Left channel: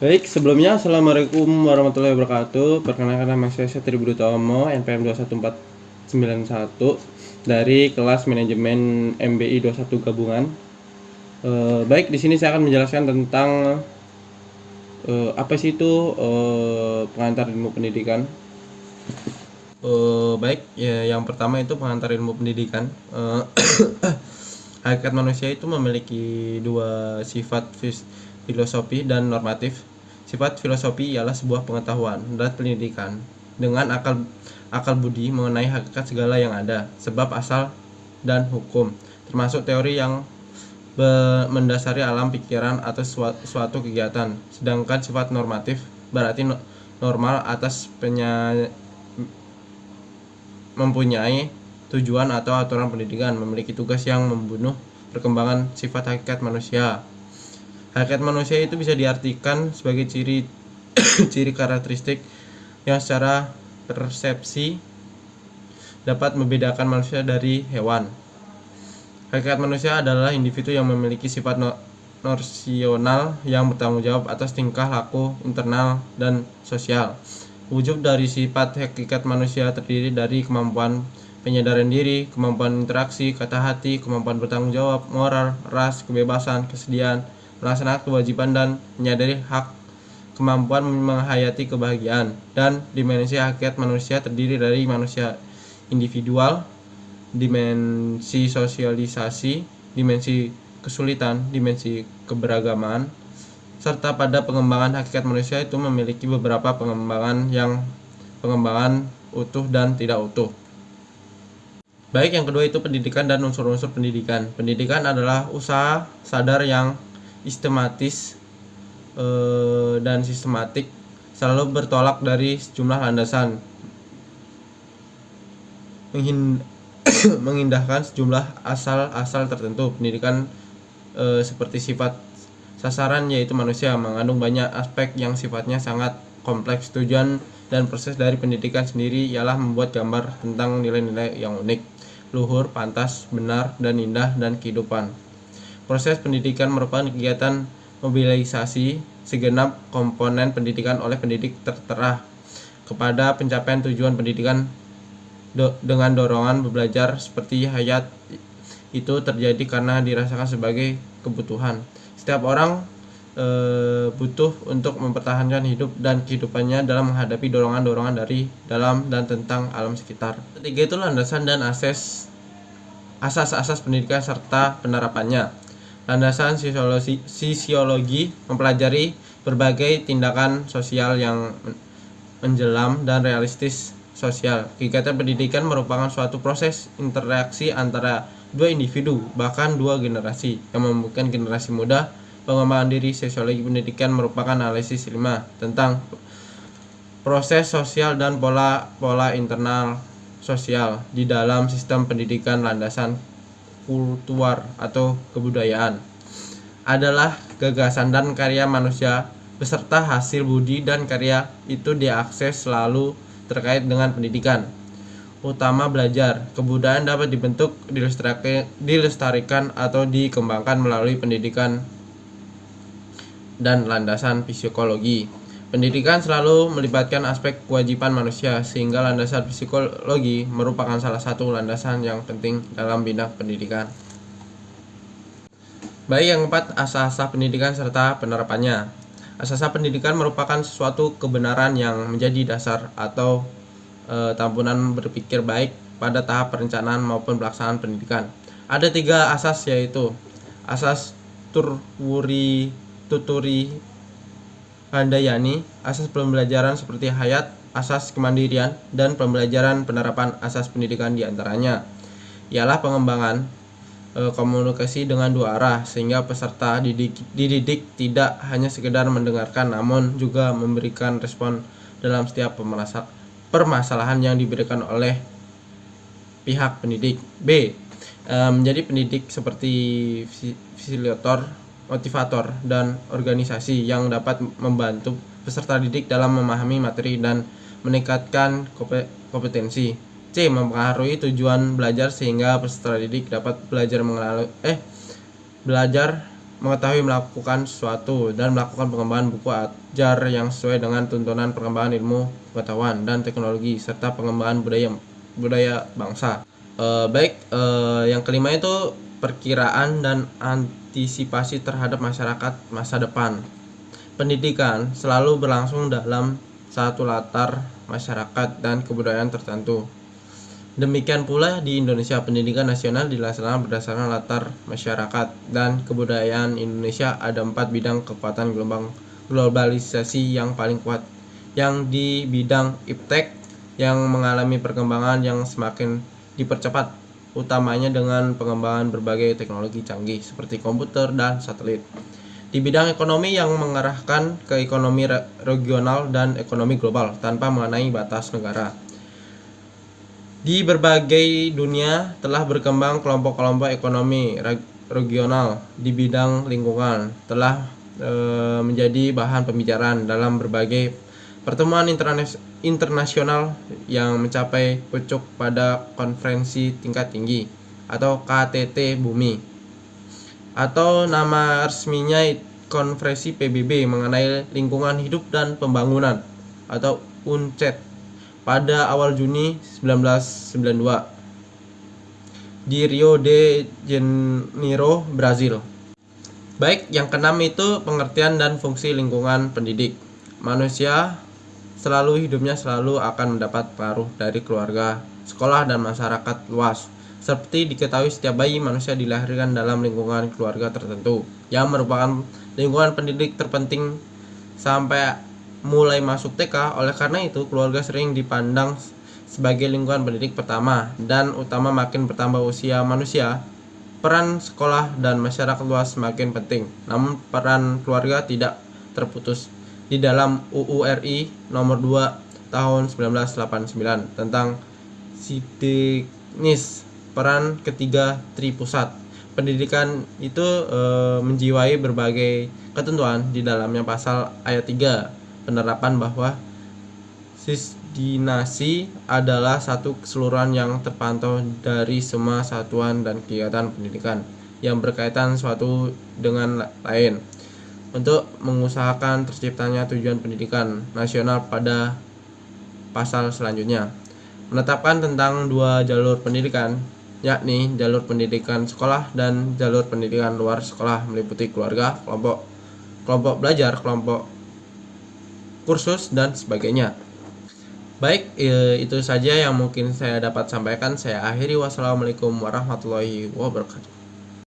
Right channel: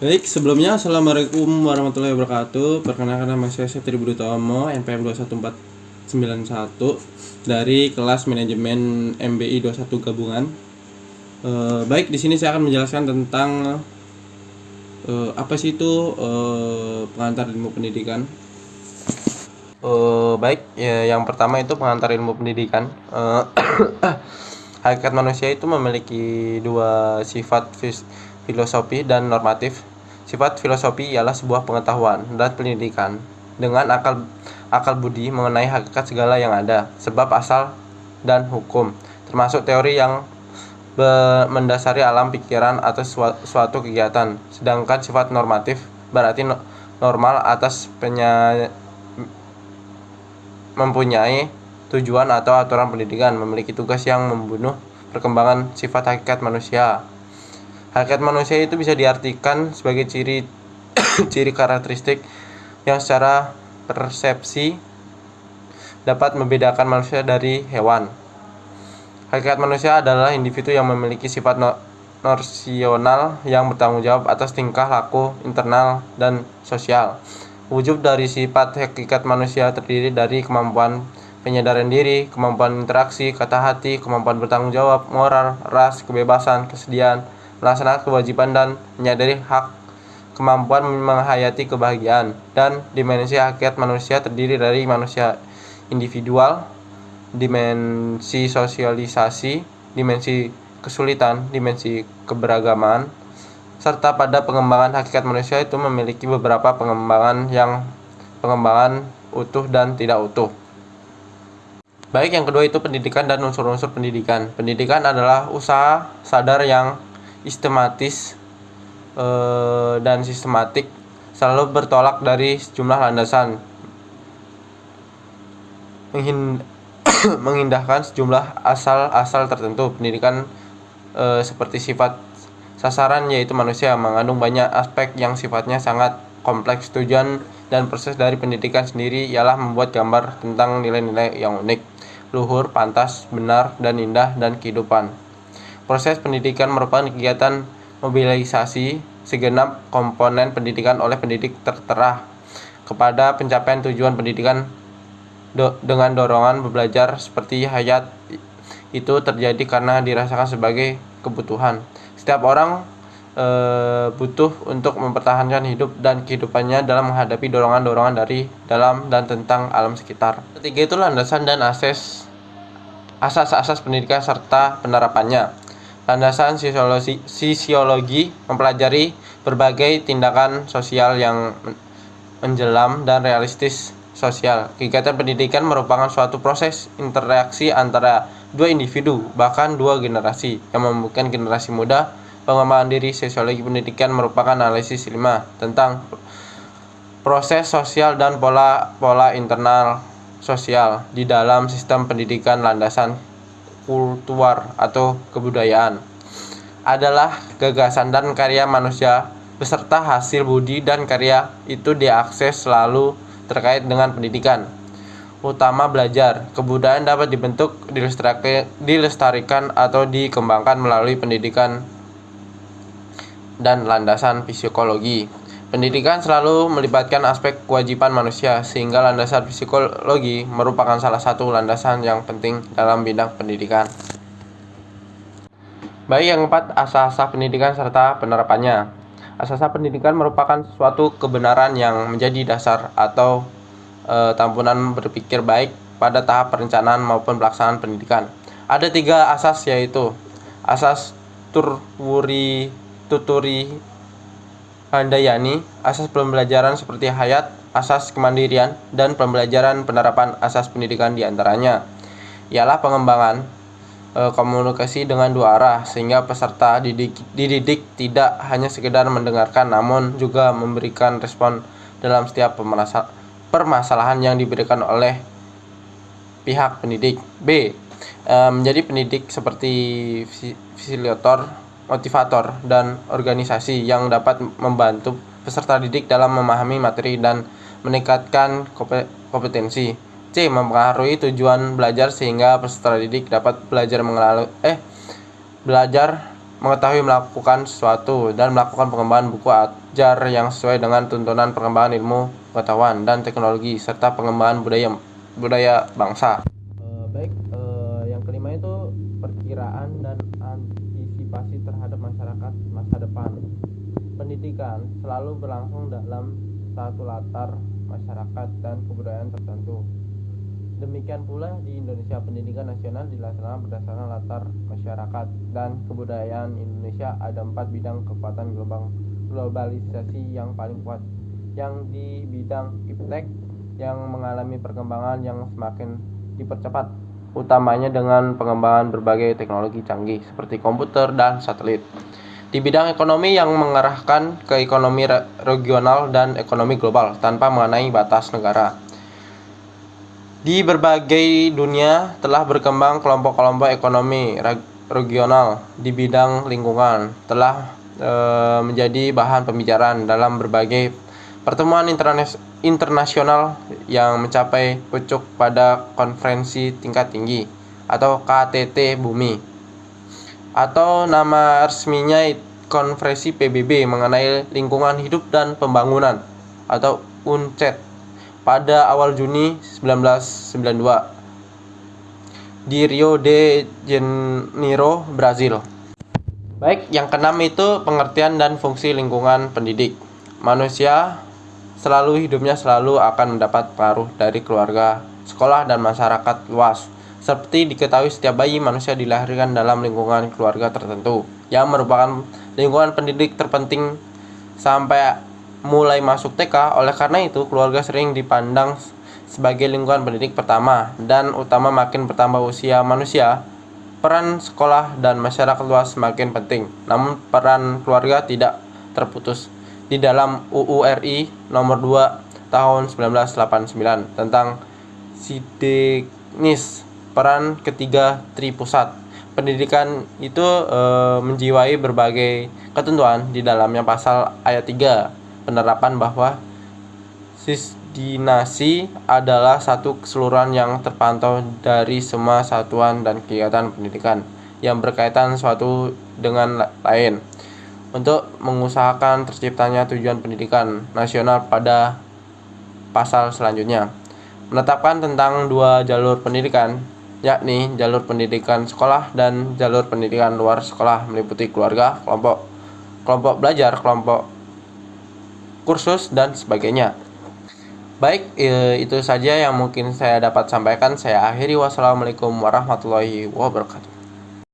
Baik, sebelumnya Assalamualaikum warahmatullahi wabarakatuh. Perkenalkan nama saya Setri Budi Utomo, NPM 21491 dari kelas manajemen MBI 21 gabungan. Baik, di sini saya akan menjelaskan tentang apa sih itu pengantar ilmu pendidikan. Baik, ya, yang pertama itu pengantar ilmu pendidikan. Hakikat manusia itu memiliki dua sifat filosofi dan normatif. Sifat filosofi ialah sebuah pengetahuan dan pendidikan dengan akal budi mengenai hakikat segala yang ada, sebab asal dan hukum, termasuk teori yang mendasari alam pikiran atau suatu kegiatan. Sedangkan sifat normatif berarti normal atas mempunyai tujuan atau aturan pendidikan, memiliki tugas yang membunuh perkembangan sifat hakikat manusia. Hakikat manusia itu bisa diartikan sebagai ciri ciri karakteristik yang secara persepsi dapat membedakan manusia dari hewan. Hakikat manusia adalah individu yang memiliki sifat nosional yang bertanggung jawab atas tingkah laku internal dan sosial. Wujud dari sifat hakikat manusia terdiri dari kemampuan penyadaran diri, kemampuan interaksi, kata hati, kemampuan bertanggung jawab, moral, ras, kebebasan, kesediaan, melaksanakan kewajiban dan menyadari hak, kemampuan menghayati kebahagiaan. Dan dimensi hakikat manusia terdiri dari manusia individual, dimensi sosialisasi, dimensi kesulitan, dimensi keberagaman, serta pada pengembangan hakikat manusia itu memiliki beberapa pengembangan utuh dan tidak utuh. Baik, yang kedua itu pendidikan dan unsur-unsur pendidikan. Pendidikan adalah usaha sadar yang sistematis dan sistematik, selalu bertolak dari sejumlah landasan, mengindahkan sejumlah asal-asal tertentu. Pendidikan seperti sifat sasaran yaitu manusia mengandung banyak aspek yang sifatnya sangat kompleks. Tujuan dan proses dari pendidikan sendiri ialah membuat gambar tentang nilai-nilai yang unik, luhur, pantas, benar, dan indah dan kehidupan. Proses pendidikan merupakan kegiatan mobilisasi segenap komponen pendidikan oleh pendidik tertera kepada pencapaian tujuan pendidikan dengan dorongan belajar seperti hayat itu terjadi karena dirasakan sebagai kebutuhan. Setiap orang butuh untuk mempertahankan hidup dan kehidupannya dalam menghadapi dorongan-dorongan dari dalam dan tentang alam sekitar. Ketiga itu landasan dan asas-asas pendidikan serta penerapannya. Landasan sisiologi mempelajari berbagai tindakan sosial yang menjelam dan realistis sosial. Kegiatan pendidikan merupakan suatu proses interaksi antara dua individu, bahkan dua generasi, yang membutuhkan generasi muda. Pengembangan diri sosiologi pendidikan merupakan analisis ilmiah tentang proses sosial dan pola internal sosial di dalam sistem pendidikan. Landasan kultural atau kebudayaan adalah gagasan dan karya manusia beserta hasil budi dan karya itu diakses selalu terkait dengan pendidikan. Utama belajar, kebudayaan dapat dibentuk, dilestarikan atau dikembangkan melalui pendidikan dan landasan psikologi. Pendidikan selalu melibatkan aspek kewajiban manusia, sehingga landasan psikologi merupakan salah satu landasan yang penting dalam bidang pendidikan. Baik, yang keempat, asas-asas pendidikan serta penerapannya. Asas-asas pendidikan merupakan suatu kebenaran yang menjadi dasar atau tampunan berpikir baik pada tahap perencanaan maupun pelaksanaan pendidikan. Ada 3 asas, yaitu asas tuturi handayani, asas pembelajaran seperti hayat, asas kemandirian, dan pembelajaran penerapan asas pendidikan diantaranya ialah pengembangan komunikasi dengan dua arah, sehingga peserta dididik tidak hanya sekedar mendengarkan namun juga memberikan respon dalam setiap permasalahan yang diberikan oleh pihak pendidik. B. Menjadi pendidik seperti fasilitator, motivator, dan organisasi yang dapat membantu peserta didik dalam memahami materi dan meningkatkan kompetensi. C. Mempengaruhi tujuan belajar sehingga peserta didik dapat belajar mengetahui melakukan sesuatu, dan melakukan pengembangan buku ajar yang sesuai dengan tuntunan perkembangan ilmu pengetahuan dan teknologi serta pengembangan budaya bangsa. Yang kelima itu perkiraan dan antisipasi terhadap masyarakat masa depan. Pendidikan selalu berlangsung dalam satu latar masyarakat dan kebudayaan tertentu. Demikian pula di Indonesia, pendidikan nasional dilaksanakan berdasarkan latar masyarakat dan kebudayaan Indonesia. Ada 4 bidang kekuatan globalisasi yang paling kuat, yang di bidang iptek yang mengalami perkembangan yang semakin dipercepat, utamanya dengan pengembangan berbagai teknologi canggih seperti komputer dan satelit. Di bidang ekonomi yang mengarahkan ke ekonomi regional dan ekonomi global tanpa mengenai batas negara. Di berbagai dunia telah berkembang kelompok-kelompok ekonomi regional di bidang lingkungan, telah menjadi bahan pembicaraan dalam berbagai pertemuan internasional yang mencapai puncak pada konferensi tingkat tinggi atau KTT Bumi, atau nama resminya Konferensi PBB mengenai lingkungan hidup dan pembangunan atau UNCED pada awal Juni 1992 di Rio de Janeiro, Brazil. Yang keenam itu pengertian dan fungsi lingkungan pendidik. Manusia hidupnya selalu akan mendapat pengaruh dari keluarga, sekolah, dan masyarakat luas. Seperti diketahui, setiap bayi manusia dilahirkan dalam lingkungan keluarga tertentu, yang merupakan lingkungan pendidik terpenting sampai mulai masuk TK. Oleh karena itu, keluarga sering dipandang sebagai lingkungan pendidik pertama dan utama. Makin bertambah usia manusia, peran sekolah dan masyarakat luas semakin penting. Namun peran keluarga tidak terputus. Di dalam UU RI nomor 2 tahun 1989 tentang Sideknis, peran ketiga Tripusat pendidikan itu menjiwai berbagai ketentuan di dalamnya. Pasal ayat 3 penerapan bahwa sistinasi adalah satu keseluruhan yang terpantau dari semua satuan dan kegiatan pendidikan yang berkaitan suatu dengan lain untuk mengusahakan terciptanya tujuan pendidikan nasional. Pada pasal selanjutnya menetapkan tentang 2 jalur pendidikan, yakni jalur pendidikan sekolah dan jalur pendidikan luar sekolah, meliputi keluarga, kelompok belajar, kelompok kursus, dan sebagainya. Itu saja yang mungkin saya dapat sampaikan. Saya akhiri. Wassalamualaikum warahmatullahi wabarakatuh.